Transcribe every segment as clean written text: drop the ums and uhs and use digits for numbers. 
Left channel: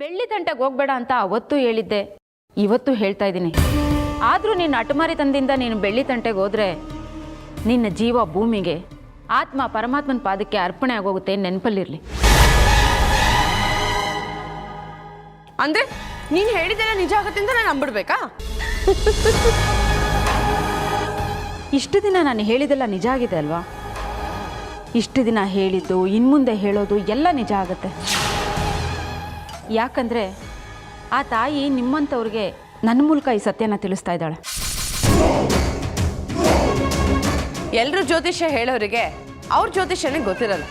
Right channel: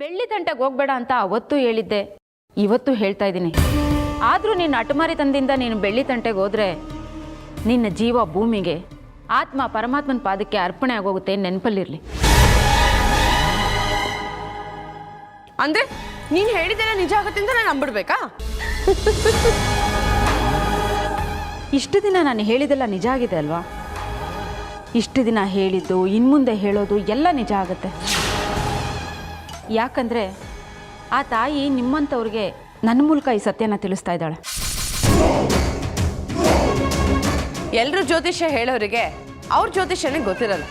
ಬೆಳ್ಳಿ ತಂಟೆಗೆ ಹೋಗ್ಬೇಡ ಅಂತ ಅವತ್ತು ಹೇಳಿದ್ದೆ, ಇವತ್ತು ಹೇಳ್ತಾ ಇದ್ದೀನಿ. ಆದರೂ ನಿನ್ನ ಅಟಮಾರಿತನದಿಂದ ನೀನು ಬೆಳ್ಳಿ ತಂಟೆಗೆ ಹೋದರೆ ನಿನ್ನ ಜೀವ ಭೂಮಿಗೆ, ಆತ್ಮ ಪರಮಾತ್ಮನ ಪಾದಕ್ಕೆ ಅರ್ಪಣೆ ಆಗೋಗುತ್ತೆ, ನೆನಪಲ್ಲಿರಲಿ. ಅಂದ್ರೆ ನೀನು ಹೇಳಿದ್ದೆಲ್ಲ ನಿಜ ಆಗುತ್ತೆ ಅಂತ ನಾನು ನಂಬಿಡ್ಬೇಕಾ? ಇಷ್ಟು ದಿನ ನಾನು ಹೇಳಿದೆಲ್ಲ ನಿಜ ಆಗಿದೆ ಅಲ್ವಾ? ಇಷ್ಟು ದಿನ ಹೇಳಿದ್ದು ಇನ್ಮುಂದೆ ಹೇಳೋದು ಎಲ್ಲ ನಿಜ ಆಗುತ್ತೆ. ಯಾಕಂದರೆ ಆ ತಾಯಿ ನಿಮ್ಮಂಥವ್ರಿಗೆ ನನ್ನ ಮೂಲಕ ಈ ಸತ್ಯನ ತಿಳಿಸ್ತಾ ಇದ್ದಾಳೆ. ಎಲ್ಲರೂ ಜ್ಯೋತಿಷ್ಯ ಹೇಳೋರಿಗೆ ಅವ್ರ ಜ್ಯೋತಿಷ್ಯನೇ ಗೊತ್ತಿರಲ್ಲ.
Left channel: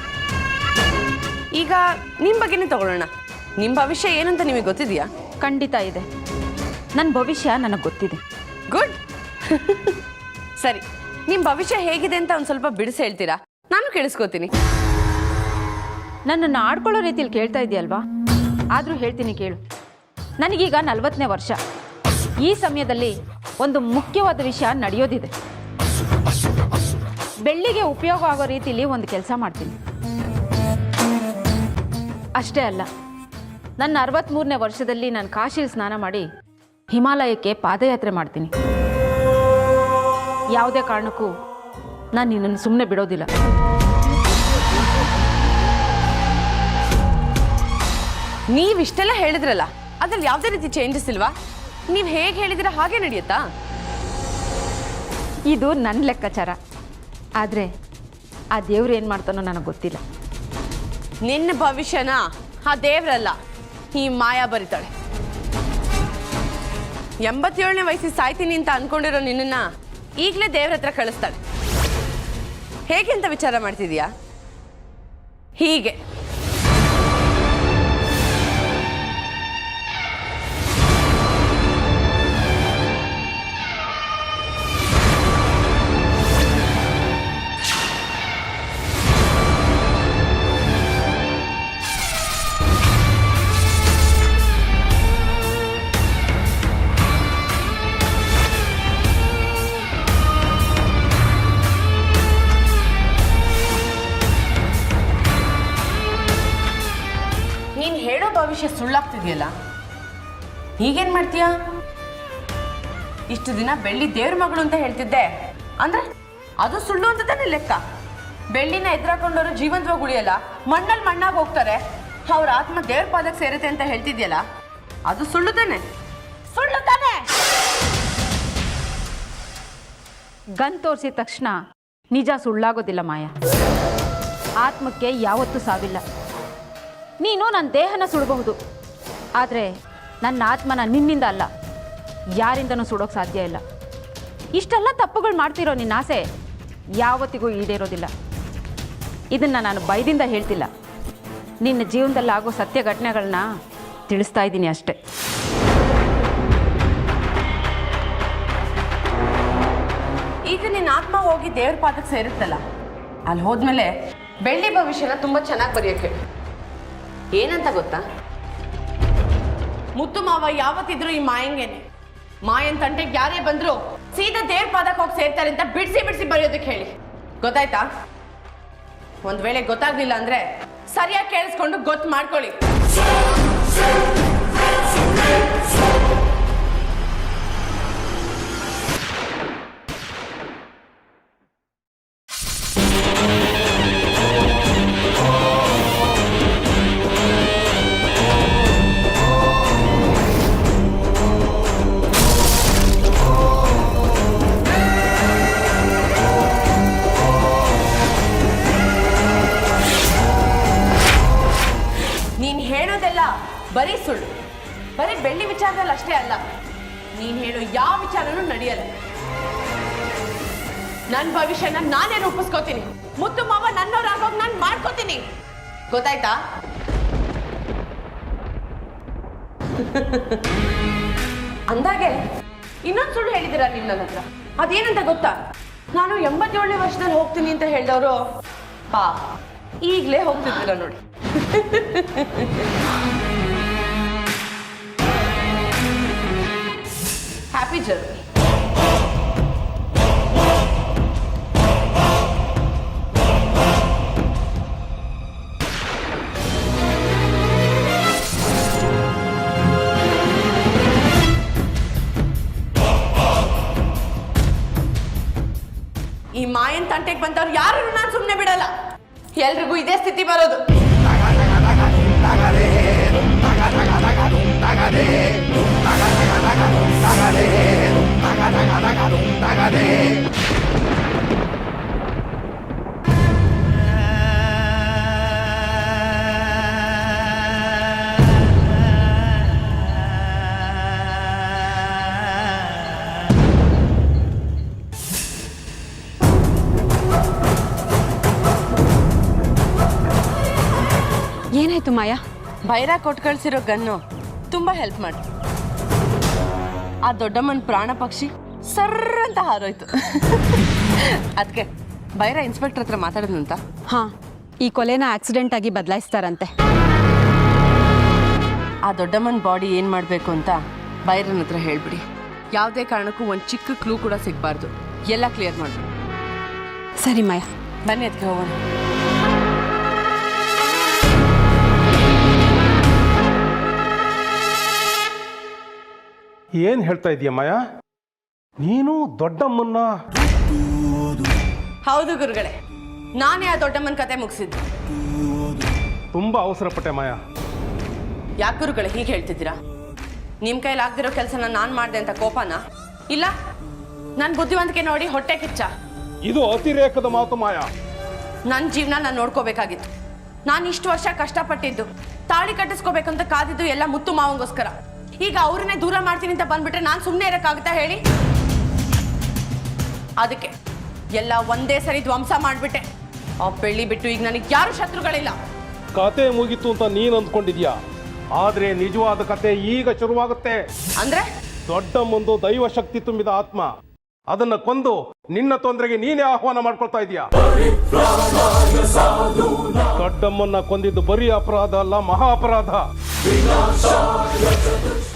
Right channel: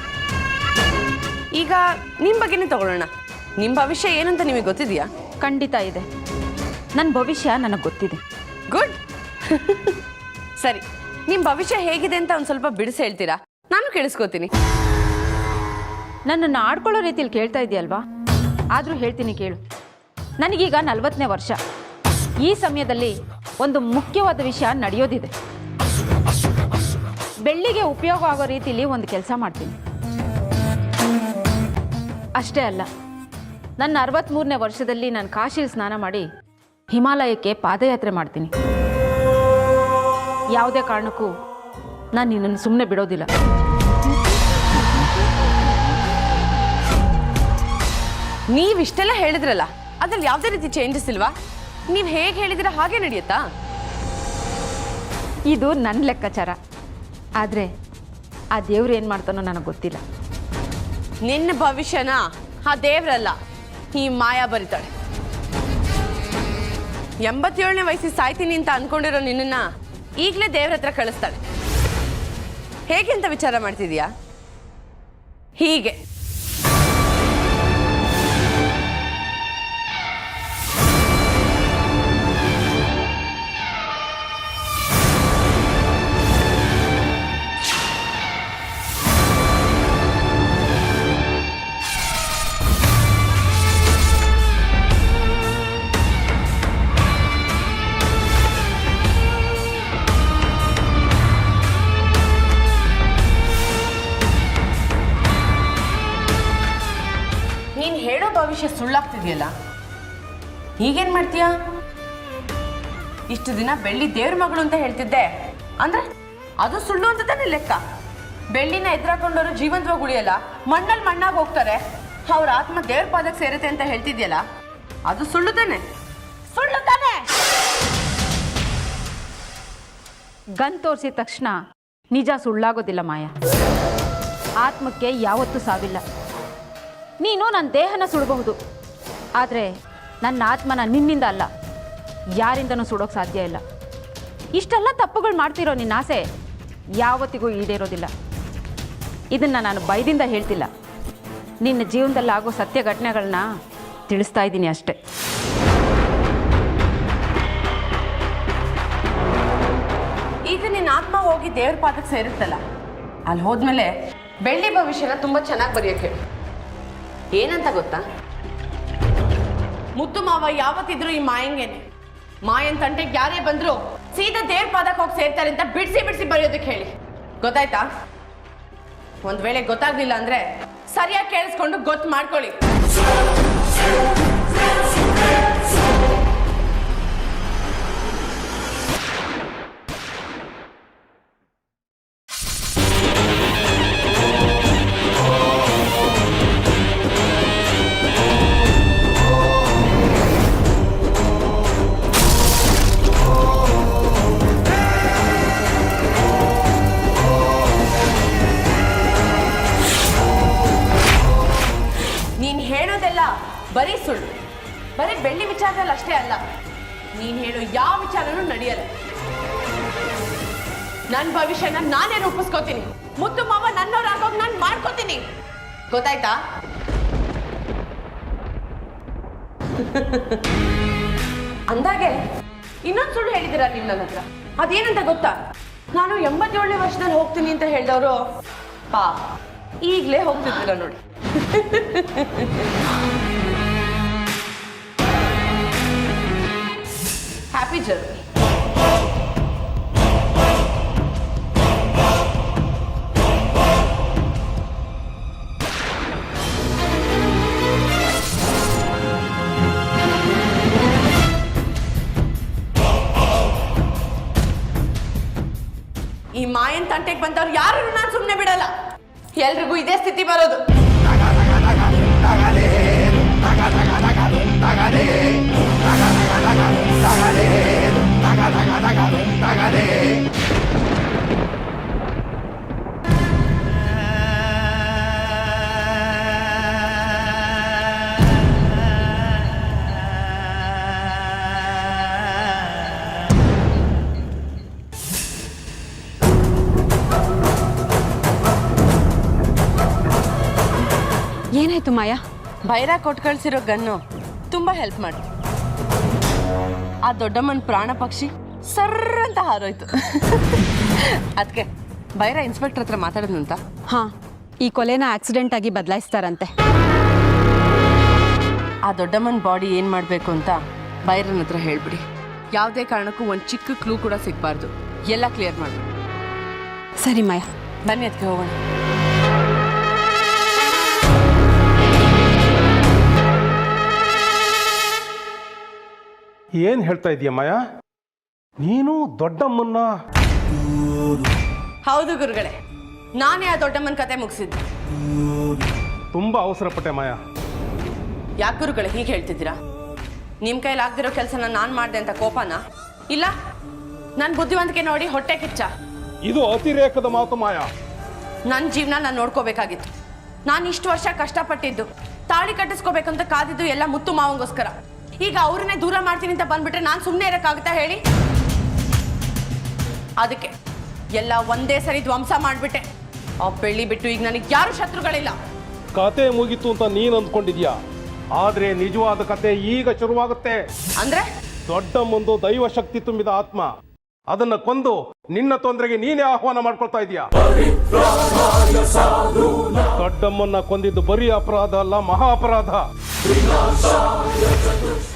ಈಗ ನಿಮ್ಮ ಬಗ್ಗೆನೇ ತಗೊಳ್ಳೋಣ. ನಿಮ್ಮ ಭವಿಷ್ಯ ಏನಂತ ನಿಮಗೆ ಗೊತ್ತಿದೆಯಾ? ಖಂಡಿತ ಇದೆ. ನನ್ನ ಭವಿಷ್ಯ ನನಗೆ ಗೊತ್ತಿದೆ. ಗುಡ್. ಸರಿ, ನಿಮ್ಮ ಭವಿಷ್ಯ ಹೇಗಿದೆ ಅಂತ ಒಂದು ಸ್ವಲ್ಪ ಬಿಡಿಸಿ ಹೇಳ್ತೀರಾ? ನಾನು ಕೇಳಿಸ್ಕೋತೀನಿ. ನನ್ನನ್ನು ಆಡ್ಕೊಳ್ಳೋ ರೀತಿಯಲ್ಲಿ ಕೇಳ್ತಾ ಇದೆಯಲ್ವಾ? ಆದರೂ ಹೇಳ್ತೀನಿ ಕೇಳು. ನನಗೀಗ 40ನೇ ವರ್ಷ. ಈ ಸಮಯದಲ್ಲಿ ಒಂದು ಮುಖ್ಯವಾದ ವಿಷಯ ನಡೆಯೋದಿದೆ. ಬೆಳ್ಳಿಗೆ ಉಪಯೋಗ ಆಗೋ ರೀತಿಯಲ್ಲಿ ಒಂದು ಕೆಲಸ ಮಾಡ್ತೀನಿ. ಅಷ್ಟೇ ಅಲ್ಲ, ನನ್ನ 63ನೇ ವರ್ಷದಲ್ಲಿ ನಾನು ಕಾಶಿಲಿ ಸ್ನಾನ ಮಾಡಿ ಹಿಮಾಲಯಕ್ಕೆ ಪಾದಯಾತ್ರೆ ಮಾಡ್ತೀನಿ. ಯಾವುದೇ ಕಾರಣಕ್ಕೂ ನಾನು ನಿನ್ನನ್ನು ಸುಮ್ಮನೆ ಬಿಡೋದಿಲ್ಲ. ನೀವಿಷ್ಟೆಲ್ಲ ಹೇಳಿದ್ರಲ್ಲ, ಅದ್ರಲ್ಲಿ ಯಾವುದೇ ರೀತಿ ಚೇಂಜಸ್ ಇಲ್ವಾ? ನೀವು ಹೇಗೆ ಹೇಳಿದಿರ ಹಾಗೆ ನಡೆಯುತ್ತಾ? ಇದು ನನ್ನ ಲೆಕ್ಕಾಚಾರ. ಆದರೆ ಆ ದೇವ್ರು ಏನು ಮಾಡ್ತಾನೋ ನನಗೆ ಗೊತ್ತಿಲ್ಲ. ನಿನ್ನ ಭವಿಷ್ಯನ ಆ ದೇವ್ರಲ್ಲ, ಈ ಮಾಯಾ ಬರಿತಾಳೆ. 87ನೇ ವಯಸ್ಸಿಗೆ ಸಾಯ್ತೀನಿ ಅಂತ ಅನ್ಕೊಂಡಿರೋ ನಿನ್ನನ್ನ ಈಗಲೇ ದೇವ್ರ ಹತ್ರ ಕಳಿಸ್ತಾಳೆ. ಹೇಗೆ ಅಂತ ವಿಚಾರ ಮಾಡ್ತಿದೀಯಾ? ಹೀಗೆ. ನೀನು ಹೇಳೋ ಭವಿಷ್ಯ ಸುಳ್ಳಾಗ್ತಿದೆಯಲ್ಲ, ಈಗೇನ್ ಮಾಡ್ತೀಯಾ? ಇಷ್ಟು ದಿನ ಬೆಳ್ಳಿ ದೇವ್ರ ಮಗಳು ಅಂತ ಹೇಳ್ತಿದ್ದೆ, ಅಂದ್ರೆ ಅದು ಸುಳ್ಳು ಅಂತ ತಾನೇ ಲೆಕ್ಕ. ಬೆಳ್ಳಿನ ಎದುರಾಕೊಂಡವರು ಜೀವಂತವಾಗಿ ಉಳಿಯಲ್ಲ, ಮಣ್ಣಲ್ಲಿ ಮಣ್ಣಾಗಿ ಹೋಗ್ತಾರೆ, ಅವ್ರ ಆತ್ಮ ದೇವ್ರ ಪಾದಕ್ಕೆ ಸೇರುತ್ತೆ ಅಂತ ಹೇಳ್ತಿದ್ಯಲ್ಲ, ಅದು ಸುಳ್ಳು ತಾನೆ? ಸುಳ್ಳು ತಾನೆ? ಗನ್ ತೋರಿಸಿದ ತಕ್ಷಣ ನಿಜ ಸುಳ್ಳಾಗೋದಿಲ್ಲ ಮಾಯಾ. ಆತ್ಮಕ್ಕೆ ಯಾವತ್ತೂ ಸಾವಿಲ್ಲ. ನೀನು ನನ್ನ ದೇಹನ ಸುಡಬಹುದು, ಆದರೆ ನನ್ನ ಆತ್ಮನ ನಿನ್ನಿಂದ ಅಲ್ಲ, ಯಾರಿಂದನೂ ಸುಡೋಕ್ಕೆ ಸಾಧ್ಯ ಇಲ್ಲ. ಇಷ್ಟೆಲ್ಲ ತಪ್ಪುಗಳು ಮಾಡ್ತಿರೋ ನಿನ್ನ ಆಸೆ ಯಾವತ್ತಿಗೂ ಈಡೇರೋದಿಲ್ಲ. ಇದನ್ನು ನಾನು ಭಯದಿಂದ ಹೇಳ್ತಿಲ್ಲ, ನಿನ್ನ ಜೀವನದಲ್ಲಿ ಆಗೋ ಸತ್ಯ ಘಟನೆಗಳನ್ನ ತಿಳಿಸ್ತಾ ಇದ್ದೀನಿ ಅಷ್ಟೆ. ಈಗ ನಿನ್ನ ಆತ್ಮ ಹೋಗಿ ದೇವ್ರ ಪಾದಕ್ಕೆ ಸೇರುತ್ತಲ್ಲ, ಅಲ್ಲಿ ಹೋದ್ಮೇಲೆ ಬೆಳ್ಳಿ ಭವಿಷ್ಯನ ತುಂಬಾ ಚೆನ್ನಾಗಿ ಬರೆಯೋಕೆ ಏನಂತ ಗೊತ್ತಾ? ಮುತ್ತು ಮಾವ ಯಾವತ್ತಿದ್ರು ಈ ಮಾಯಂಗೇನೆ. ಮಾಯನ್ ತಂಟೆಗೆ ಯಾರೇ ಬಂದ್ರು ಸೀದಾ ದೇವ್ರ ಪಾದಕ್ಕೆ ಹೋಗಿ ಸೇರ್ತಾರೆ ಅಂತ ಬಿಡಿಸಿ ಬಿಡಿಸಿ ಬರೆಯೋದಕ್ಕೆ ಹೇಳಿ. ಗೊತ್ತಾಯ್ತಾ? ಒಂದ್ ವೇಳೆ ಗೊತ್ತಾಗ್ಲಿಲ್ಲ ಅಂದ್ರೆ ಸರಿಯಾಗಿ ಕೇಳಿಸ್ಕೊಂಡು ಗೊತ್ತು ಮಾಡ್ಕೊಳ್ಳಿ. ನೀನ್ ಹೇಳೋದೆಲ್ಲ ಬರೀ ಸುಳ್ಳು. ಬರೀ ಬೆಳ್ಳಿ ವಿಚಾರದಲ್ಲಿ ಅಷ್ಟೇ ಅಲ್ಲ, ನೀನ್ ಹೇಳೋ ಯಾವ ವಿಚಾರನೂ ನಡೆಯಲ್ಲ. ನನ್ನ ಭವಿಷ್ಯನ ನಾನೇ ರೂಪಿಸ್ಕೋತೀನಿ. ಮುತ್ತು ಮಾವ ನನ್ನವರಾಗೋಗಿ ನಾನು ಮಾಡ್ಕೋತೀನಿ. ಗೊತ್ತಾಯ್ತಾ? ಅಂದಾಗೆ ಇನ್ನೊಂದು ಸುಳ್ಳು ಹೇಳಿದಿರ ನೀವು ನನ್ನ ಹತ್ರ. ಅದೇನಂತ ಗೊತ್ತಾ? ನಾನು 87ನೇ ವರ್ಷದಲ್ಲಿ ಹೋಗ್ತೀನಿ ಅಂತ ಹೇಳಿದವರು ಪಾ ಈಗಲೇ ಹೋಗ್ತಿದ್ದೀರ ನೋಡಿ. Happy journey. ಮಾಯನ್ ತಂಟೆಗೆ ಬಂದವ್ರು ಯಾರು ನಾನು ಸುಮ್ಮನೆ ಬಿಡಲ್ಲ. ಎಲ್ರಿಗೂ ಇದೇ ಸ್ಥಿತಿ ಬರೋದು. ಏನಾಯ್ತು ಮಾಯಾ? ಭೈರ ಕೊಟ್ಟು ಕಳ್ಸಿರೋ ಗನ್ನು ತುಂಬಾ ಹೆಲ್ಪ್ ಮಾಡಿ ಆ ದೊಡ್ಡಮ್ಮನ ಪ್ರಾಣ ಪಕ್ಷಿ ಸರ್ರ ಅಂತ ಹಾರೋಯ್ತು. ಅದಕ್ಕೆ ಭೈರ ಇನ್ಸ್ಪೆಕ್ಟರ್ ಹತ್ರ ಮಾತಾಡಿದ್ನಂತ. ಹಾ, ಈ ಕೊಲೆನ ಆಕ್ಸಿಡೆಂಟ್ ಆಗಿ ಬದಲಾಯಿಸ್ತಾರಂತೆ. ಆ ದೊಡ್ಡಮ್ಮನ ಬಾಡಿ ಏನು ಮಾಡಬೇಕು ಅಂತ ಭೈರನ ಹತ್ರ ಹೇಳ್ಬಿಡಿ. ಯಾವುದೇ ಕಾರಣಕ್ಕೂ ಒಂದು ಚಿಕ್ಕ ಕ್ಲೂ ಕೂಡ ಸಿಗಬಾರ್ದು. ಎಲ್ಲ ಕ್ಲಿಯರ್ ಮಾಡ್ಬಿಡಿ. ಸರಿ ಮಾಯಾ, ಬನ್ನಿ ಅದಕ್ಕೆ ಹೋಗೋಣ. ಏನ್ ಹೇಳ್ತಾ ಇದೀಯ ಮಾಯಾ? ನೀನು ದೊಡ್ಡಮ್ಮನ್ನ? ಹೌದು ಗುರುಗಳೇ, ನಾನೇ ಆ ದೊಡ್ಡಮ್ಮನ ಕತೆ ಮುಗಿಸಿದ್ದು. ತುಂಬಾ ಅವಸರಪಟ್ಟೆ ಮಾಯಾ. ಯಾಕೆ ಗುರುಗಳೇ ಹೀಗೆ ಹೇಳ್ತಿದ್ದೀರಾ? ನಿಮ್ಮ ಕೈಲಿ ಆಗ್ದಿರೋ ಕೆಲಸನ ನಾನು ಮಾಡಿದೆ ಅಂತ ಕೋಪನಾ? ಇಲ್ಲ, ನನ್ನ ಬುದ್ಧಿವಂತಿಕೆ ನೋಡಿ ಹೊಟ್ಟೆ ಕಿಚ್ಚ? ಇದು ಅತಿರೇಕದ ಮಾತು ಮಾಯಾ. ನನ್ನ ಜೀವನ ನಾನು ನೋಡ್ಕೋಬೇಕಾಗಿತ್ತು. ನಾನು ಇಷ್ಟು ವರ್ಷ ಕಷ್ಟಪಟ್ಟಿದ್ದು, ತಾಳಿ ಕಟ್ಟಿಸ್ಕೋಬೇಕಂತ ಕಾದಿದ್ದು ಎಲ್ಲ ಮುತ್ತು ಮಾವಂಗೋಸ್ಕರ. ಈಗ ಅವ್ರನ್ನೇ ದೂರ ಮಾಡ್ತೀನಿ ಅಂತ ಬಂದ್ಬಿಟ್ರೆ ನಾನು ಸುಮ್ಮನೆ ಇರೋಕ್ಕಾಗುತ್ತಾ ಹೇಳಿ? ಅದಕ್ಕೆ ಎಲ್ಲ ಒಂದೇ ಸರಿ ಧ್ವಂಸ ಮಾಡಿಬಿಟ್ಟೆ. ಆ ಬೆಳ್ಳಿ ಬಿಟ್ಟು ಈಗ ನನಗೆ ಯಾರು ಶತ್ರುಗಳಿಲ್ಲ. ಕತೆ ಮುಗೀತು ಅಂತ ನೀನ್ ಅಂದ್ಕೊಂಡಿದ್ಯಾ, ಆದ್ರೆ ನಿಜವಾದ ಕತೆ ಈಗ ಶುರುವಾಗುತ್ತೆ. ಅಂದ್ರೆ ದೊಡ್ಡಮ್ಮಂದು ದೈವ ಶಕ್ತಿ ತುಂಬಿದ ಆತ್ಮ. ಅದನ್ನ ಕೊಂದು ನಿನ್ನ ತೊಂದರೆಗೆ ನೀನೇ ಆಹ್ವಾನ ಮಾಡ್ಕೊಳ್ತಾ ಇದೀಯಾ. ದೊಡ್ಡಮ್ಮನ್ನ ಕೊಂದಿದ್ದು ಬರೀ ಅಪರಾಧ ಅಲ್ಲ, ಮಹಾ ಅಪರಾಧ.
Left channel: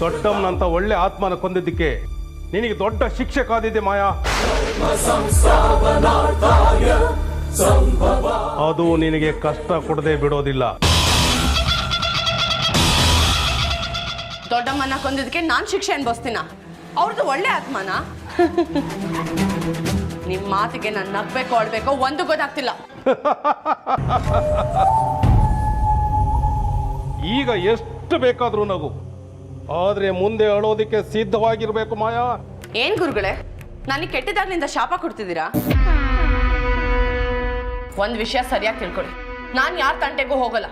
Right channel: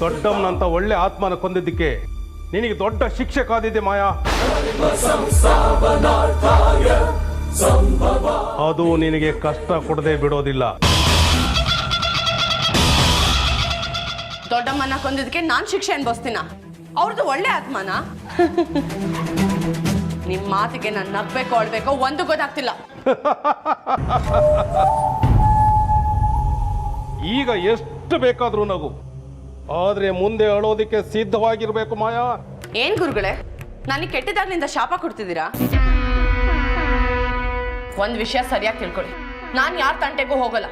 ದೊಡ್ಡಮ್ಮನಂತ ಒಳ್ಳೆ ಆತ್ಮನ ಕೊಂದಿದ್ದಕ್ಕೆ ನಿನಗೆ ದೊಡ್ಡ ಶಿಕ್ಷೆ ಕಾದಿದೆ ಮಾಯಾ. ಅದು ನಿನಗೆ ಕಷ್ಟ ಕೊಡದೆ ಬಿಡೋದಿಲ್ಲ. ದೊಡ್ಡಮ್ಮನ್ನ ಕೊಂದಿದ್ದಕ್ಕೆ ನಾನು ಶಿಕ್ಷೆ ಅನ್ಭವಿಸ್ತೀನ? ಅವ್ರದ್ದು ಒಳ್ಳೆ ಆತ್ಮನ? ನಿಮ್ ಮಾತಿಗೆ ನಾನು ನಗ್ಬೇಕು ಆಳ್ಬೇಕೋ ಒಂದು ಗೊತ್ತಾಗ್ತಿಲ್ಲ. ಈಗ ಎಷ್ಟು ಬೇಕಾದ್ರೂ ನಗು, ಆದ್ರೆ ಮುಂದೆ ಅಳೋದಿಕ್ಕೆ ಸಿದ್ಧವಾಗಿರ್ಬೇಕು ಮಾಯಾ. ಏನ್ ಗುರುಗಳೇ, ನನಗೆ ಕೆಟ್ಟದಾಗ್ಲಿಂದ ಶಾಪ ಕೊಡ್ತಿದ್ದೀರಾ? ಒಂದ್ ವಿಷಯ ಸರಿಯಾಗಿ ತಿಳ್ಕೊಳ್ಳಿ, ನಾನು ಯಾರ ತಂಟೆಗೂ ಹೋಗಲ್ಲ.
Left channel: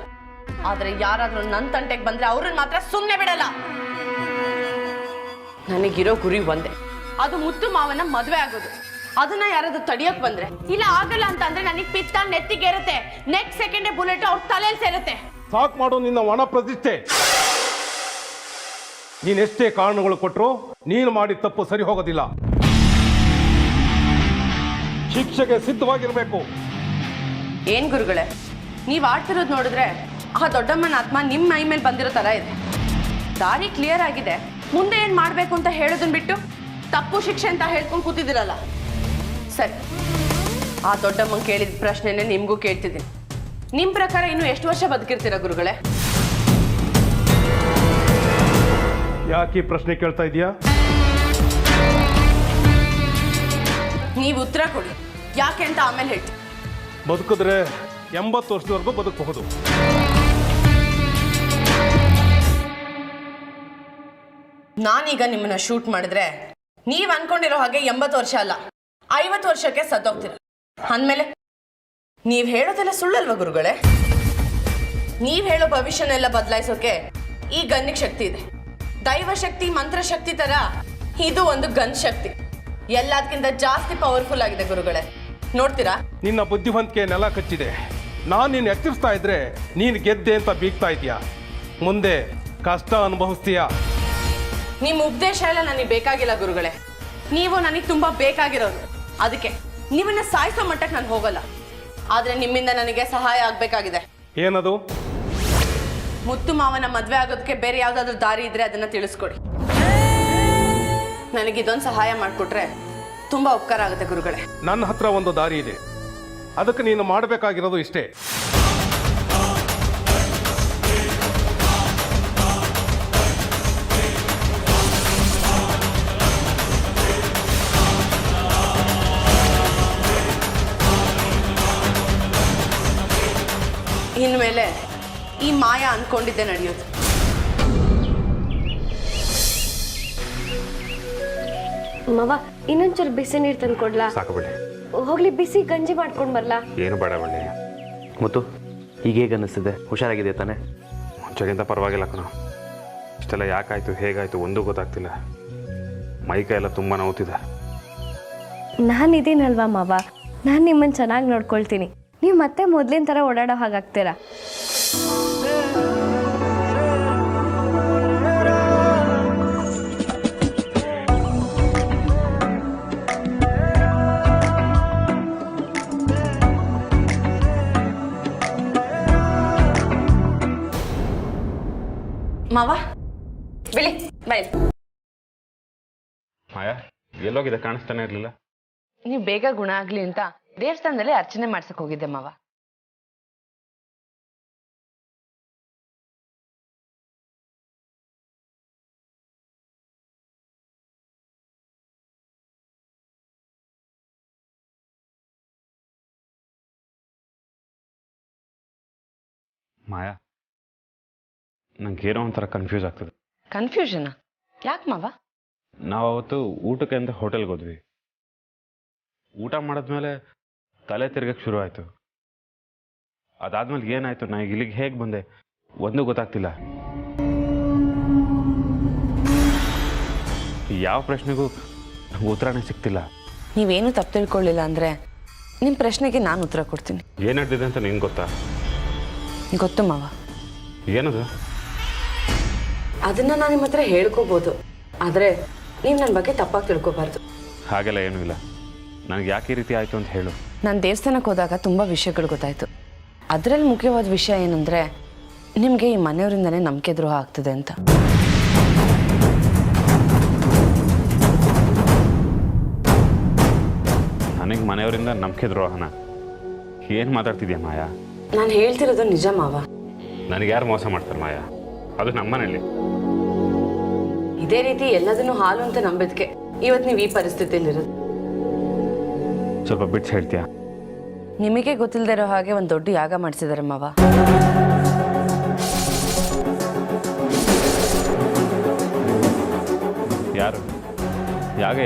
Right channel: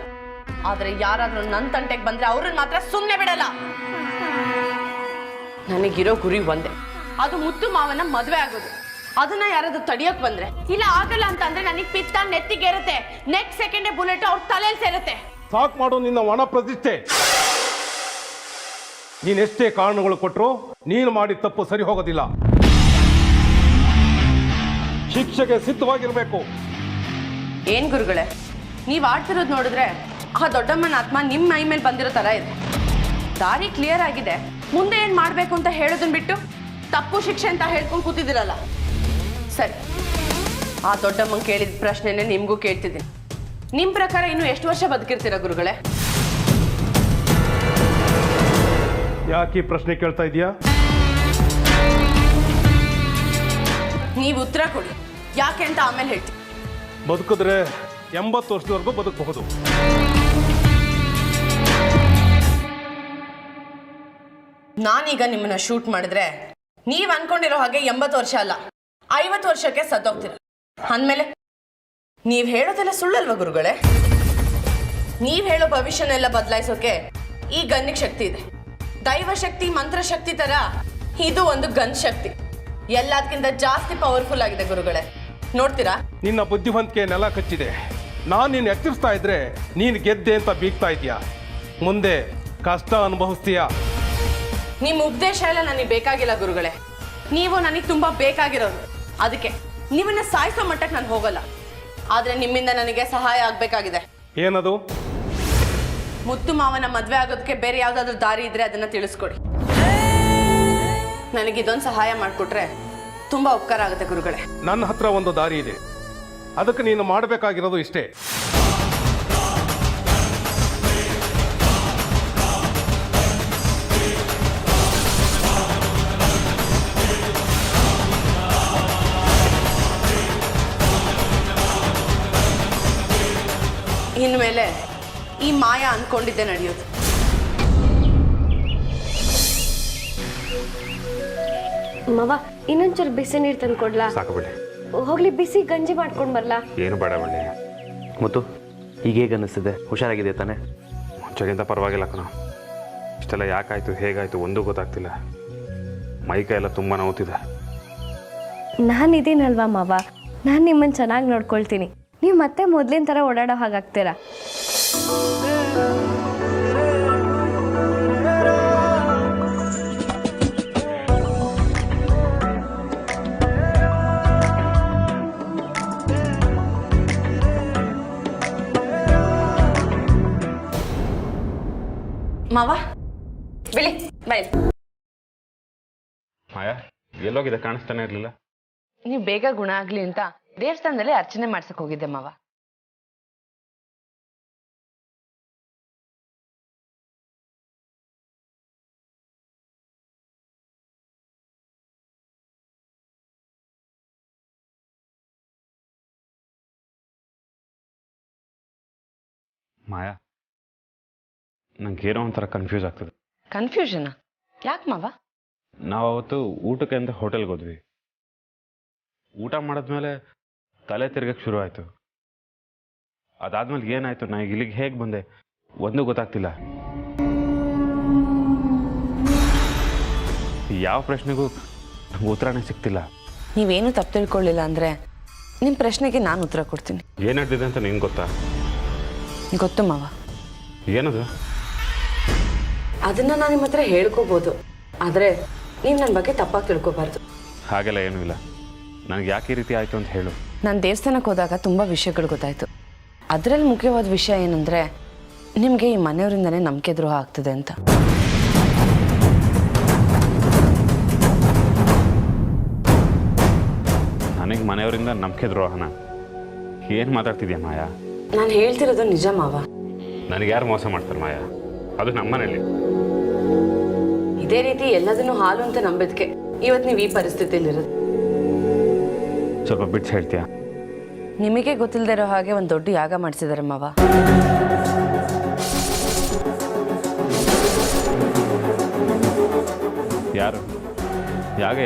ಆದ್ರೆ ಯಾರಾದ್ರೂ ನನ್ನ ತಂಟೆಗೆ ಬಂದ್ರೆ ಅವ್ರನ್ನ ಮಾತ್ರ ಸುಮ್ಮನೆ ಬಿಡಲ್ಲ. ನನಗಿರೋ ಗುರಿ ಒಂದೇ, ಅದು ಮುತ್ತು ಮಾವನ ಮದ್ವೆ ಆಗೋದು. ಅದನ್ನ ಯಾರಾದ್ರೂ ತಡಿಯಕ್ ಬಂದ್ರೆ, ಇಲ್ಲ ಆಗಲ್ಲ ಅಂತ ಅಂದ್ರೆ ನನಗೆ ಪಿತ್ತ ನೆತ್ತಿಗೇರುತ್ತೆ. ನೆಕ್ಸ್ಟ್ ಸೆಕೆಂಡೇ ಬುಲೆಟ್ ಅವ್ರ ತಲೆಯಲ್ಲಿ ಸೇರುತ್ತೆ. ಸಾಕ್ ಮಾಡು ನಿನ್ನ ಒಣ ಪ್ರತಿಷ್ಠೆ. ನೀನೆಷ್ಟೇ ಕಾರಣಗಳು ಕೊಟ್ಟರು ನೀನು ಮಾಡಿದ ತಪ್ಪು ಸರಿ ಹೋಗೋದಿಲ್ಲ. ಶಿಕ್ಷೆಗೆ ಸಿದ್ಧವಾಗಿರ್ಬೇಕು. ಏನ್ ಗುರುಗಳೇ, ನೀವ್ ಆಡ್ತಿರೋದು ನೋಡಿದ್ರೆ ಆ ದೊಡ್ಡಮ್ಮನ ಆತ್ಮ ನಿಮ್ಮ ಮೈ ಮೇಲೆ ಬಂದಿರೋ ತರ ಇದೆ. ದಾರಿ ಕ್ಲಿಯರ್ ಆಗಿದೆ, ಮುಂದೆ ಏನ್ ಮಾಡ್ಬೇಕು ಅಂತ ಹೇಳೋದನ್ನ ಬಿಟ್ಟು ತಪ್ಪು ಶಿಕ್ಷೆ ಅಂತ ಹೇಳ್ಕೊಂಡು ಕೂತಿದ್ದೀರಲ್ಲ. ಸರಿ, ಆ ದೊಡ್ಡಮ್ಮನ್ ಕೇಳಿದ ಪ್ರಶ್ನೆನೆ ನಿಮ್ಗೂ ಕೇಳ್ತಿದ್ದೀನಿ. ನಿಮ್ ಪ್ರಕಾರ ಇನ್ನು ಎಷ್ಟು ವರ್ಷ ಬದುಕಿರ್ತೀರಾ ಗುರುಗಳೇ? ಯಾಕೆ ಪ್ರಶ್ನೆ ಕೇಳ್ತಾ ಇದೀಯಾ? ನೀವು ಉತ್ತರ ಕೊಡಿ, ಯಾಕೆ ಅಂತ ಆಮೇಲೆ ಹೇಳ್ತೀನಿ. ಬದುಕಿದ್ರೆ 80 ವರ್ಷದವರೆಗೂ ಬದುಕಬಹುದು. ನಾನೀಗ ನಿಮ್ಮನ್ನ ಶೂಟ್ ಮಾಡಿದ್ರೆ ನೀವ್ ಅನ್ಕೊಂಡಿರೋ ಹಾಗೆ 80 ವರ್ಷ ಅಲ್ಲ, 50 ವರ್ಷಕ್ಕೆ ಸತ್ತೋಗ್ತೀರ. ಅಂದ್ಮೇಲೆ ನೀವ್ ಹೇಳೋದೆಲ್ಲ ಸುಳ್ಳಲ್ವ ಗುರುಗಳೇ? ನೀವ್ ಹೇಳೋ ಭವಿಷ್ಯನೆಲ್ಲ ಬದಲಾಯಿಸೋಕೆ ಈ ಗನ್ನಿಗೆ ಶಕ್ತಿ ಇದೆ. ದೈವ ಶಕ್ತಿ, ಮಂತ್ರ ಶಕ್ತಿ ತರ ಇದು ಒಂದು ಗನ್ ಶಕ್ತಿ. ಎಲ್ಲದಕ್ಕಿಂತ ಜಾಸ್ತಿ ಪವರ್ಫುಲ್ ಆಗಿದೆ ಗುರುಗಳೇ. ನೋಡ್ತೀರಾ? ನಿನ್ನ ಬುದ್ಧಿವಂತಿಕೆ ನೆಲ ಕಚ್ಚಿದೆ. ನಾನು ನಿನ್ನ ಎಚ್ಚರಿಸ್ತಾ ಇದ್ರೆ ನೀನು ಗೆದ್ದೆ ಅಂತ ಬೀಗ್ತಾ ಇದೀಯಾ. ಮುಂದೆ ಕಷ್ಟ ಅನುಭವಿಸ್ತೀಯಾ. ನಿಮ್ಮ ಉಪದೇಶ ಎಲ್ಲ ನನಗೆ ಬೇಕಾಗಿಲ್ಲ ಗುರುಗಳೇ. ನೀವು ನನಗೆ ತುಂಬಾ ಬೇಕಾಗಿರೋರು. ಅದಕ್ಕೆ ನೀವನ್ನ ಸಾಯಿಸೋ ಮಟ್ಟಕ್ಕೆ ನಾನು ಹೋಗಲ್ಲ. ಆದ್ರೆ ನಿಮ್ಮಿಂದ ನನಗೆ ಸಹಾಯ ಆಗ್ಬೇಕಾಗಿದೆ. ಏನದು? ಮುತ್ತು ಮಾವನ ಮದ್ವೆ ಆಗೋದಕ್ಕೆ ಬೇರೆ ಯಾವ್ದಾದ್ರು ದಾರಿ ಇದ್ರೆ ಅದನ್ನ ತಿಳಿಸ್ಕೊಡಿ. ನನಗಿದೊಂದು ಸಹಾಯ ಮಾಡಿಕೊಟ್ರೆ ತುಂಬಾ ಉಪಕಾರ ಆಗುತ್ತೆ ಗುರುಗಳೇ. ನನ್ನ ಹತ್ರ ಒಂದು ದಾರಿ ಇದೆ. ಅದಕ್ಕೆ ನೀನು ಮಾಡಬೇಕಾಗಿರೋದು ಇಷ್ಟೇ. ಇನ್ಮೇಲೆ ಈ ಮಾಯಾ ಅಂದ್ಕೊಂಡಿದ್ದೆ ನಡೆಯೋದು. ಮವ ಇನ್ನೊಂಚೂರು ಬಿಸಿ ನೀರು ತಂದು ಕೊಡ್ಲಾ? ಸಾಕು ಬಿಡಿ. ಹೋಗ್ಲಿ ಬಿಸಿ ಗಂಜಿ ಮಾಡ್ಕೊಂಡು ಬರ್ಲಾ? ಏನು ಬೇಡ ಬಳ್ಳಿ. ಮತ್ತು ಈಗ ಹೇಗೆ ಅನ್ನಿಸ್ತಿದೆ? ಹುಷಾರಾಗಿದೆ ತಾನೆ? ಮುಂಚೆಗಿಂತ ಪರವಾಗಿಲ್ಲ ಕಣ. ಇಷ್ಟೆಲ್ಲ ಯಾಕಾಯ್ತು ಹೇಗಾಯ್ತು ಒಂದೂ ಗೊತ್ತಾಗ್ತಿಲ್ಲ. ಮೈಕೈ ಎಲ್ಲ ತುಂಬ ನೋವ್ತಿದೆ. ನಾನಿದ್ದೀನಲ್ವಾ ಮಾವ, ನಾನು ನಿಮ್ಮನ್ನು ಚೆನ್ನಾಗಿ ನೋಡ್ಕೊಳ್ತೀನಿ. ನೀವು ಮತ್ತೆ ಮೊದಲಿನ ಥರ ಓಡಾಡೋ ಹಾಗಾಗ್ತೀರಾ? ಮಾವ ಬಿಳಿ ಬೈ. ಮಾಯಾ ಎಲ್ಲೋಗಿದೆ? ಕಾಣಿಸ್ತಾನೆ ಇರಲಿಲ್ಲ. ನೀವು ಬೇಗ ಗುಣ ಆಗ್ಲಿ ಅಂತ ದೇವಸ್ಥಾನದಲ್ಲಿ ಅರ್ಚನೆ ಮಾಡ್ಸಕ್ ಹೋಗಿದ್ದೆ ಮಾವ. ಮಾಯಾ ನಂಗೇನೋ ಒಂಥರ ಕನ್ಫ್ಯೂಸ್ ಆಗ್ತದೆ. ಕನ್ಫ್ಯೂಷನ್ ಯಾಕೆ ಮಾವ? ನಾವು ಅವತ್ತು ಊಟಕ್ಕೆ ಅಂತ ಹೋಟೆಲ್ಗೆ ಹೋದ್ವಿ. ಊಟ ಮಾಡಿದ್ಮೇಲೆ ತಲೆ ತಿರ್ಗಕ್ಕೆ ಶುರು ಆಯಿತು. ಅದಾದ್ಮೇಲೆ ಏನಾಯ್ತು, ನಾ ಇಲ್ಲಿಗೆ ಹೇಗೆ ಬಂದೆ ಒಂದೂ ಗೊತ್ತಾಗ್ತಿಲ್ಲ. ಯಾವ ಪ್ರಶ್ನೆಗೂ ನಂಗೆ ಉತ್ತರನೇ ಸಿಗ್ತಿಲ್ಲ. ನೀವೇನು ತಪ್ಪು ತಿಳ್ಕೊಳ್ಳಿಲ್ಲ ಅಂದ್ರೆ ನಿಮ್ಮ ಪ್ರಶ್ನೆಗೆ ನಾನು ಉತ್ತರ ಕೊಡ್ತೀನಿ. ಏನು ನಡೆದಿದೆ ಅಂತ ನಿಂಗೆ ಗೊತ್ತಾ? ಗೊತ್ತು ಮಾವ. ಏನದು? ಅದನ್ನ ನಾನು ನಿಮ್ಮ ಹತ್ರ ಹೇಳ್ಕೋಬಹುದು, ಆದ್ರೆ ನೀವು ನನ್ನ ಬಗ್ಗೆ ತಪ್ಪಾಗಿ ತಿಳ್ಕೊಬಾರ್ದು. ಹಾಗೆಲ್ಲ ಏನೂ ಇಲ್ಲ. ನನಗೆ ಯಾಕೆ ಈ ರೀತಿ ಆಯಿತು ಅಂತ ಹೇಳು. ನಾನು ದೇವಸ್ಥಾನಕ್ಕೆ ಹೋದಾಗ ತುಂಬ ವಿಷಯಗಳು ಗೊತ್ತಾಯಿತು. ಅದರಲ್ಲಿ ಮುಖ್ಯವಾದ ವಿಷಯ ಏನಂದರೆ ನಿಮಗೆ ಈ ಮನೆಯವರಿಂದನೇ ನಂಬಿಕೆ ದ್ರೋಹ ಆಗ್ತದೆ ಅಂತ. ನನಗೆ ಮನೆಯವರಿಂದ ನಂಬಿಕೆ ದ್ರೋಹನ? ಏನು ಮಾತಾಡ್ತಿದ್ಯಾ ಮಾಯಾ? ನಾನು ಹೇಳ್ತಿರೋದು ನಿಜ ಮಾವ. ನನಗೆ ಯಾರು ಮೋಸ ಮಾಡ್ತಾರೆ ಮಾಯಾ? ಅದು ನಮ್ಮನೇಲಿ. ಇದೇ ರೀತಿ ಎಲ್ಲದನ್ನು ಹಾಲು ಅಂತ ನಂಬಿದ್ಕೆ ಇವತ್ತು ನೀವು ಈ ಪರಿಸ್ಥಿತಿಯಲ್ಲಿರೋದು. ಸ್ವಲ್ಪ ಬಿಟ್ಟು ಹೇಳ್ತೀಯಾ? ನಿಮಗೆ ಗೊತ್ತಿಲ್ಲದೆ ಇರೋ ಹಾಗೆ ಒಂದು ದೊಡ್ಡ ಯಾಗ ಮಾಡಿಸಿದ್ದಾರೆ ಮಾವ. ಯಾರು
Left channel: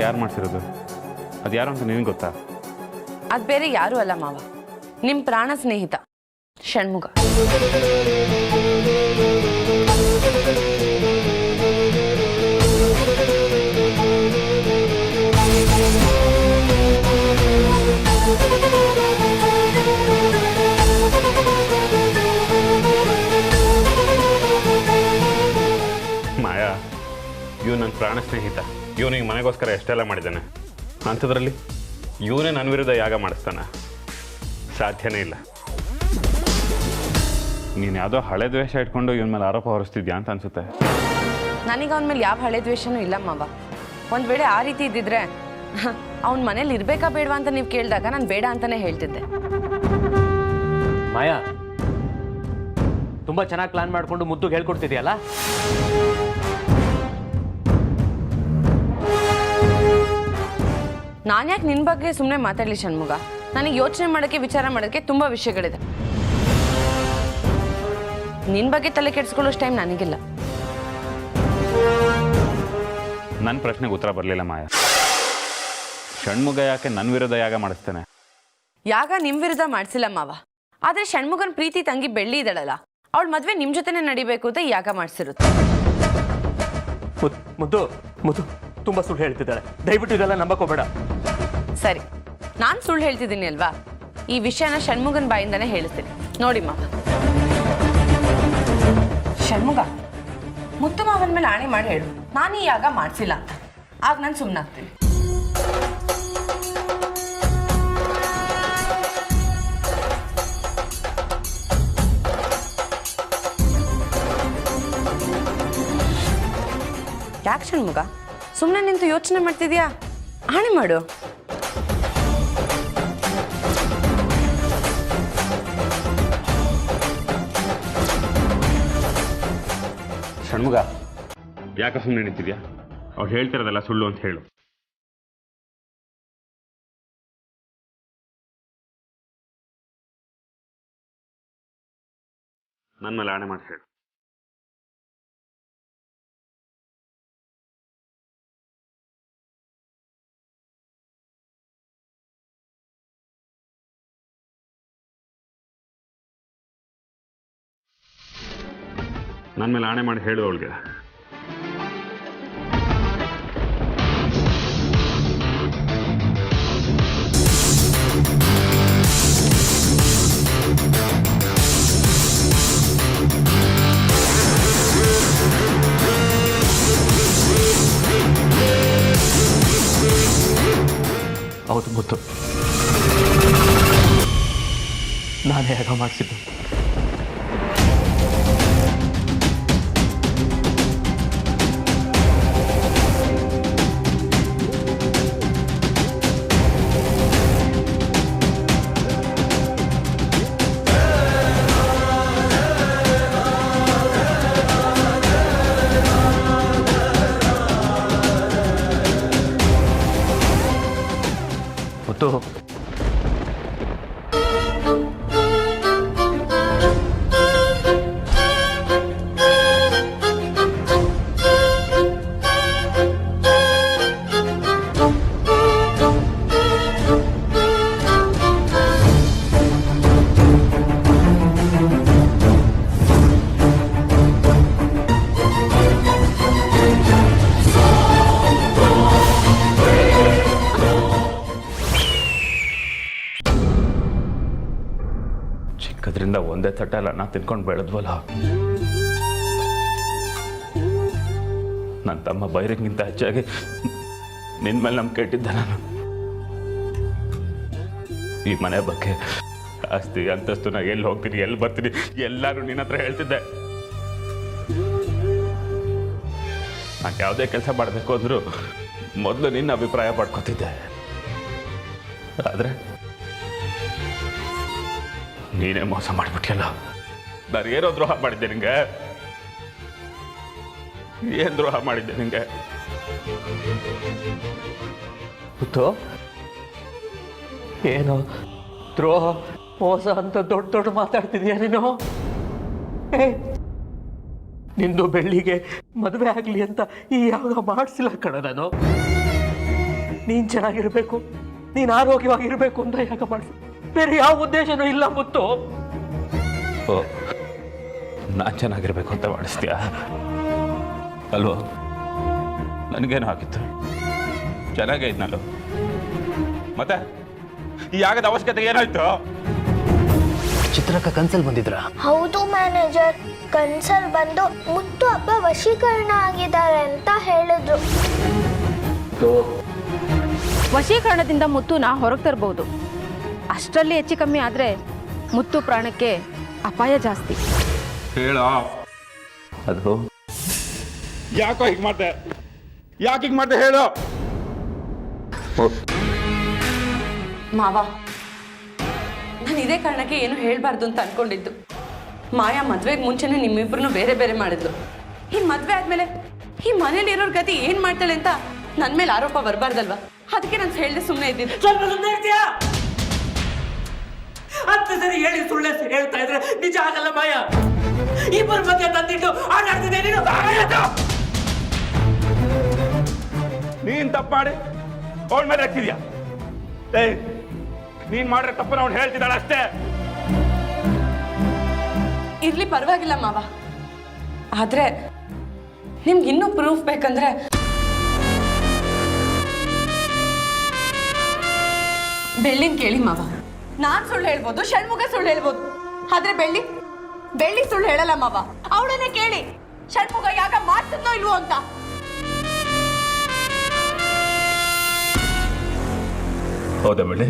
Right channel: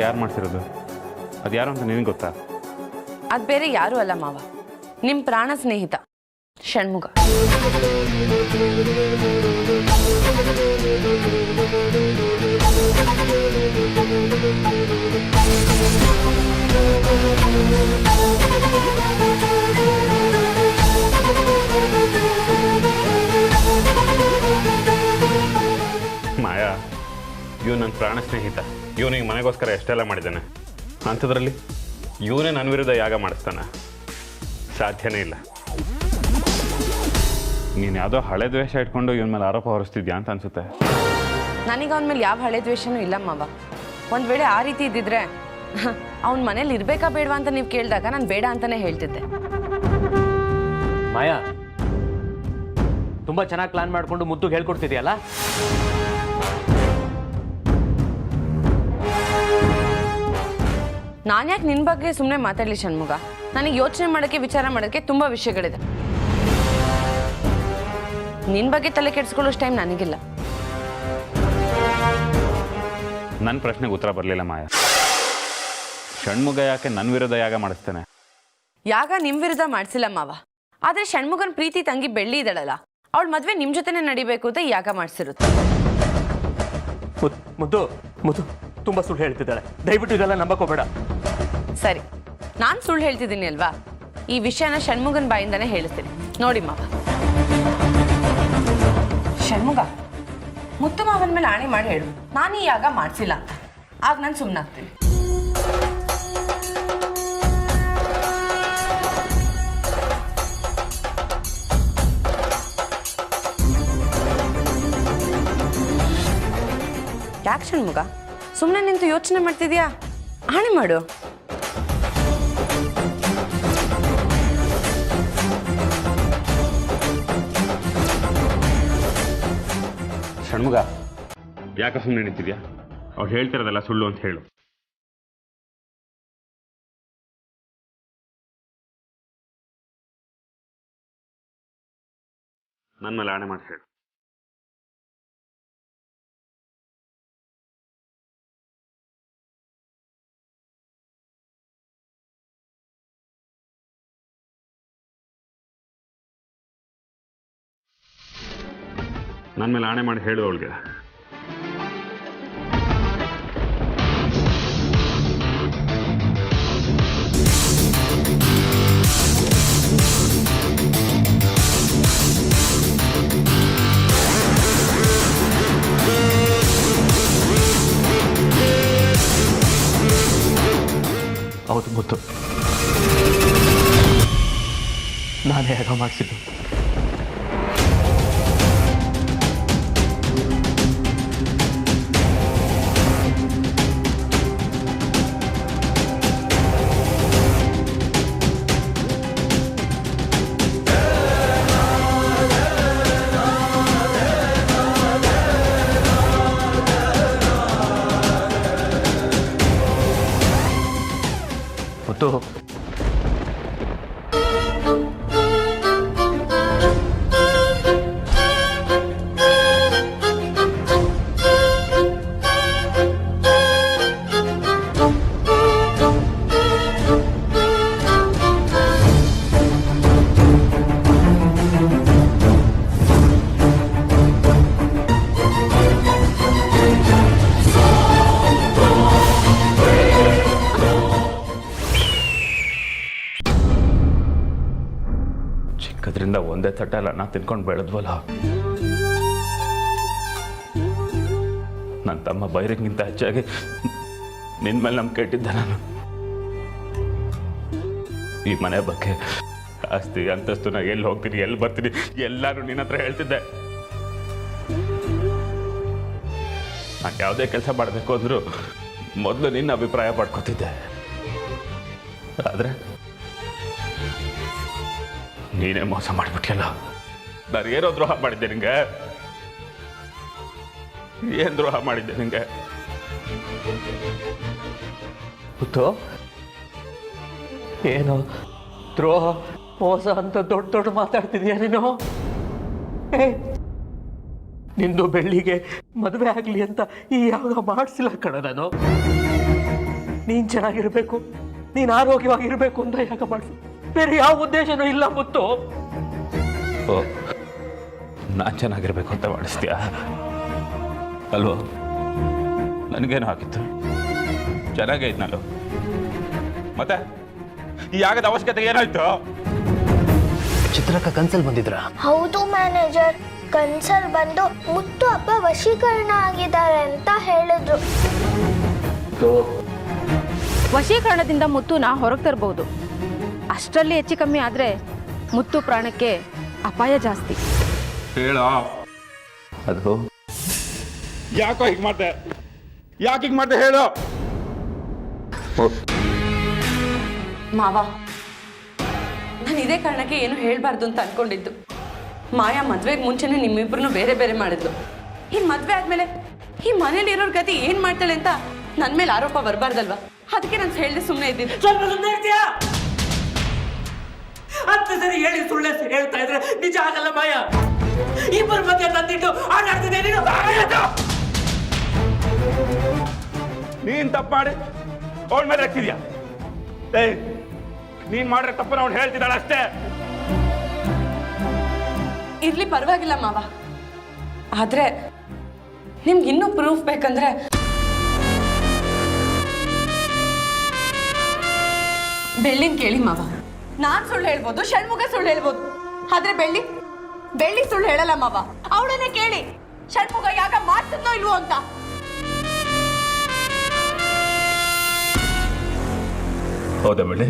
ಯಾರು ಮಾಡ್ತಿರೋದು? ಅದು ಯಾರು ಅಂತ ನಿನಗೆ ಗೊತ್ತಾ? ಅದು ಬೇರೆ ಯಾರೂ ಅಲ್ಲ ಮಾವ, ನಿಮ್ಮ ಪ್ರಾಣ ಸ್ನೇಹಿತ ಷಣ್ಮುಗ. ಮಾಯಾ, ಇವ್ ನನ್ನ ಪ್ರಾಣ ಸ್ನೇಹಿತ. ಇವನಿಗೆ ಮನೆಗೋಸ್ಕರ ಎಷ್ಟೆಲ್ಲ ಮಾಡಿದ್ದಾನೆ. ಅಂಥದ್ರಲ್ಲಿ ಇವನೇ ನನ್ನ ವಿರುದ್ಧ ಯಾಗ ಮಾಡಿಸ್ತಾನೆ? ಸಾಧ್ಯನೇ ಇಲ್ಲ. ನೀನು ಯಾವುದೋ ಹಳೆ ದ್ವೇಷ ಇಟ್ಕೊಂಡು ಇವನ ಮೇಲೆ ಆರೋಪ ಹೊರಿಸ್ತಿದ್ಯಾ ಅಂತ ಅನ್ಸುತ್ತೆ. ನನಗೆ ಅವನ ಮೇಲೆ ಯಾವ ಹಳೆ ದ್ವೇಷನೂ ಇಲ್ಲ ಮಾವ. ಒಂದು ವೇಳೆ ಆ ರೀತಿ ಇದ್ದಿದ್ರೆ ಅವನ ಮನೇಲಿ ಇರಬೇಕಾ ಬೇಡವಾ ಅಂತ ನೀವು ಕೇಳಿದಾಗ ನಾನು ಬೇಡ ಅಂತಾನೆ ಹೇಳ್ತಿದ್ದೆ. ಮಾಯಾ, ತುಂಬಾ ಚೆನ್ನಾಗಿ ಪ್ಲಾನ್ ಮಾಡ್ಕೊಂಡು ಮುದ್ದು ಹೇಳ್ಕೊಡ್ತಿದ್ಯಲ್ಲ. ನಾನು ಯಾಕೆ ನಿನ್ನ ಬಗ್ಗೆ ಸುಮ್ಮನೆ ಮಾತಾಡಲಿ ಷಣ್ಮುಗ? ನನಗೆ ಯೋಚನೆ ಮಾಡೋಕ್ಕೆ ವಿಚಾರ ಮಾಡೋಕ್ಕೆ ತುಂಬ ವಿಷಯಗಳಿದೆ. ನಿನ್ನ ಬಗ್ಗೆ ತಲೆ ಕೆಡಿಸ್ಕೊಳ್ಳೋಷ್ಟು ಟೈಮ್ ನನಗಿಲ್ಲ. ನನ್ನ ಪ್ರಶ್ನೆಗೆ ಉತ್ತರ ಬರಲಿಲ್ಲ ಮಾಯಾ. ಷಣ್ಮುಗ ಯಾಕೆ ನನ್ನ ವಿರುದ್ಧ ಯಾಗ ಮಾಡಿಸ್ತಾನೆ? ಯಾಗ ನಿಮ್ಮ ವಿರುದ್ಧ ಮಾಡಿಸಿಲ್ಲ ಮಾವ, ಆದರೆ ಷಣ್ಮುಗನ ಪ್ರೀತಿ ತಂಗಿ ಬೆಳ್ಳಿ ಇದ್ದಾಳಲ್ಲ, ಅವಳ ಮದುವೆ ನಿಮ್ಮ ಜೊತೆನೇ ನಡಿಬೇಕು ಅಂತ ಯಾಗ ಮಾಡಿಸಿರುತ್ತೆ. ಮುದ್ದು ಮುದ್ದು ತುಂಬಾ ಸುಳ್ಳು ಹೇಳ್ತಿದ್ದಾಳೆ. ದಯವಿಟ್ಟು ಇದೆಲ್ಲ ನಂಬಕೋಬೇಡ. ಸರಿ, ನಾನು ಸುಳ್ಳು ಹೇಳ್ತಿದ್ದೀನಿ ಅಲ್ವಾ? ಈ ವಿಷಯನ ಷಣ್ಮುಗನ ಬಾಯಿಂದಾನೇ ಹೇಳಿಸ್ತೀನಿ ನೋಡಿ ಮಾವ. ಷಣ್ಮುಗ, ಮುತ್ತು ಮಾವನ ಮೇಲೆ ಆಣೆ ಮಾಡಿ ಹೇಳು ನಾನು ಈ ಯಾಗ ಮಾಡಿಸಿಲ್ಲ ಅಂತ. ಆಗ ನಾನು ಸುಮ್ಮನಾಗ್ತೀನಿ. ಯಾಕೆ ಷಣ್ಮುಗ ಸುಮ್ಮನೆ ನಿಂತು ಯೋಚನೆ ಮಾಡ್ತಿದ್ಯಾ? ಆಣೆ ಮಾಡು. ಷಣ್ಮುಗ, ಯಾಕೆ ಸುಮ್ಮನೆ ನಿಂತಿದ್ಯಾ? ಅವ್ರು ಹೇಳ್ತಿರೋದೆಲ್ಲ ಸುಳ್ಳು ಅಂತ ಹೇಳು. ನನ್ನ ಮೇಲೆ ಆಣೆ ಮಾಡಿ ಹೇಳು. ನನ್ನ ಮೇಲೆ ಆಣೆ ಮಾಡಿ ಹೇಳು ಅವಳಿಗೆ. ಹೌದು ಮುತ್ತು, ನಾನೇ ಯಾಗ ಮಾಡಿಸಿದ್ದು. ಮುತ್ತು, ಚಿಕ್ಕದ್ರಿಂದ ಒಂದೇ ತಟ್ಟೆಲ್ಲ ಅನ್ನ ತಿನ್ಕೊಂಡು ಬೆಳೆದ್ವಲ್ಲ. ನನ್ನ ತಮ್ಮ ಬೈರಂಗಿಂತ ಹೆಚ್ಚಾಗಿ ನಿನ್ನ ಮೇಲೆ ನಂಬಿಕೆ ಇಟ್ಟಿದ್ದೆ ನಾನು. ಈ ಮನೆ ಬಗ್ಗೆ, ಆಸ್ತಿ ಅಂತಸ್ತು, ನಾ ಎಲ್ಲಿ ಹೋಗ್ತೀನಿ, ಎಲ್ಲಿ ಬರ್ತೀನಿ, ಎಲ್ಲರೂ ನಿನ್ನ ಹತ್ರ ಹೇಳ್ತಿದ್ದೆ. ನಾನು ಯಾವುದೇ ಕೆಲಸ ಮಾಡಬೇಕು ಅಂದರೂ ಮೊದಲು ನಿನ್ನ ಅಭಿಪ್ರಾಯ ಪಡ್ಕೊತಿದ್ದೆ. ಆದರೆ ನೀನೇ ಮೋಸ ಮಾಡಿಬಿಟ್ಟಿಯಲ್ಲ. ನಾನು ಏನೋ ದ್ರೋಹ ಮಾಡಿದ್ದೆ ನಿಂಗೆ? ಏನು ದ್ರೋಹ ಮಾಡಿದ್ದೆ ನಿಂಗೆ? ಗೊತ್ತು ಏನು ದ್ರೋಹ ಮೋಸ ಅಂತ ದೊಡ್ಡ ದೊಡ್ಡ ಮಾತಾಡ್ತಿದ್ಯಾ ನೀನು? ನಿಂದು ಬೆಳ್ಳಿಗೆ ಮದುವೆ ಆಗಲಿ ಅಂತ ಈ ಯಾವಾಗ ಮಾಡಿಸಿಲ್ಲ ಕಣ ನಾನು. ನೀನು ಚೆನ್ನಾಗಿರ್ಬೇಕು, ನೀನು ಆರೋಗ್ಯವಾಗಿರ್ಬೇಕು ಅಂತ ಯಾಕೆ ಮಾಡಿಸಿ, ಬೇರೆ ಯಾವ ಉದ್ದೇಶನೂ ಇಲ್ಲ ಮುತ್ತು. ಓ, ನಾನು ಚೆನ್ನಾಗಿರ್ಬೇಕು ಅಂತ ಮಾಡಿಸ್ತೀಯಾ ಅಲ್ವೋ? ನನಗೇನು ಆಗಿತ್ತು, ಚೆನ್ನಾಗೇ ಇದ್ನಲ್ಲ. ಮತ್ತೆ ಈ ಆಗದ ಅವಶ್ಯಕತೆ ಏನಾಯ್ತು? ಚಿತ್ರಕ್ಕ ಕನ್ಸಲ್ ಬಂದಿದ್ರ? ಹೌದು ಮ್ಯಾನೇಜರ್, ಕನ್ಸಲ್ ಬಂದು ಮುತ್ತು ಅಪ್ಪ ವಶೀಕರಣ ಆಗಿದ್ದಾರೆ ಅಂತ ಹೇಳಿದ್ರು. ವಶೀಕರಣದಿಂದ ಮುತ್ತುನ ಹೊರಗೆ ತರಬಹುದು. ಅಷ್ಟರಲ್ಲಿ ಹೆಚ್ಚು ಕಮ್ಮಿ ಆದರೆ ಮುತ್ತು ಪ್ರಾಣಕ್ಕೆ ಅಪಾಯ ಜಾಸ್ತಿ. ಹೇಳ. ಅದು ಯಾಕೋ ಹೀಗೆ ಮಾಡ್ದೆ? ಯಾಕೆ ಹೀಗೆ ಮಾಡ್ದೆ ಹೇಳು. ಮಾವ, ನಾನು ಇದೇ ಕಾರಣಕ್ಕೆ ಏನು ಹೇಳಬಾರ್ದು ಅಂತ ಅನ್ಕೊಂಡಿದ್ದು. ಮಾಯಾ ಮದ್ವೆಗೆ ಮುಂಚೆನೇ ನಿಮ್ಮಿಬ್ರು ಬೇರೆ ಬೇರೆ ಮಾಡಿದ್ಲು. ಈ ಮದ್ವೆ ಆದ್ಮೇಲೆ ಈ ಮನೇಲಿ ಇರೋರ್ ಗತಿ ಏನ್ ಮಾಡ್ತಾಳೆ ಅಂತ ನನ್ನ ಮೇಲೆ ಆರೋಪ ಬರಬಾರ್ದಲ್ವಾ? ಅದಕ್ಕೆ ನಾನು ಹೇಳ್ದೆ ಸುಮ್ಮನೆ ಇದ್ದೀನಿ. ಸ್ವಲ್ಪ ಸುಮ್ಮನೆ ಇರ್ತೀಯಾ? ಹತ್ತು ಸರಿ ಹೇಳಿ ಸುಳ್ಳೆ ಹೇಳ್ತಾ ಇದ್ರೆ ನಿಜ ಆಗಲ್ಲ ಮಾಯ. ಇಬ್ಬರ ಮಧ್ಯೆ ತಂದಿಟ್ಟು ಆಟಾಡ್ತಿದ್ದೆ ನೀನು. ನೀನ್ ತಪ್ಪು ಮಾಡಿ ಅವಳ ಮೇಲೆ ಹಾಕ್ತಿದ್ಯಾ? ನೀನ್ ಮಾಡ್ರೆ ತಪ್ಪು ಅವ್ನು ಹೇಳ್ತಿದ್ದಾಳ ಅಷ್ಟೇ. ಇರ್ಲಿ, ಪರವಾಗಿಲ್ಲ ಮಾವ. ಆದ್ರೆ ನಿಮ್ಗೆ ಇನ್ನೂ ಪ್ರೂಫ್ ಬೇಕಂದ್ರೆ ಬೆಳ್ಳಿನ ಕೇಳಿ ಮಾವ. ನಾನ್ ಸುಳ್ಳು ಹೇಳ್ಬೋದು, ಷಣ್ಮುಖ ಸುಳ್ಳು ಹೇಳ್ಬೋದು, ಆದ್ರೆ ಬೆಳ್ಳಿ ಸುಳ್ಳು ಹೇಳಲ್ಲ ಮಾವ. ಅವಳನ್ನೇ ಕೇಳಿ, ಷಣ್ಮುಖ ಯಾಕ ಮಾಡ್ತಿದ್ನೋ ಇಲ್ವೋ ಅಂತ. ಹೌದಾ ಬೆಳ್ಳಿ?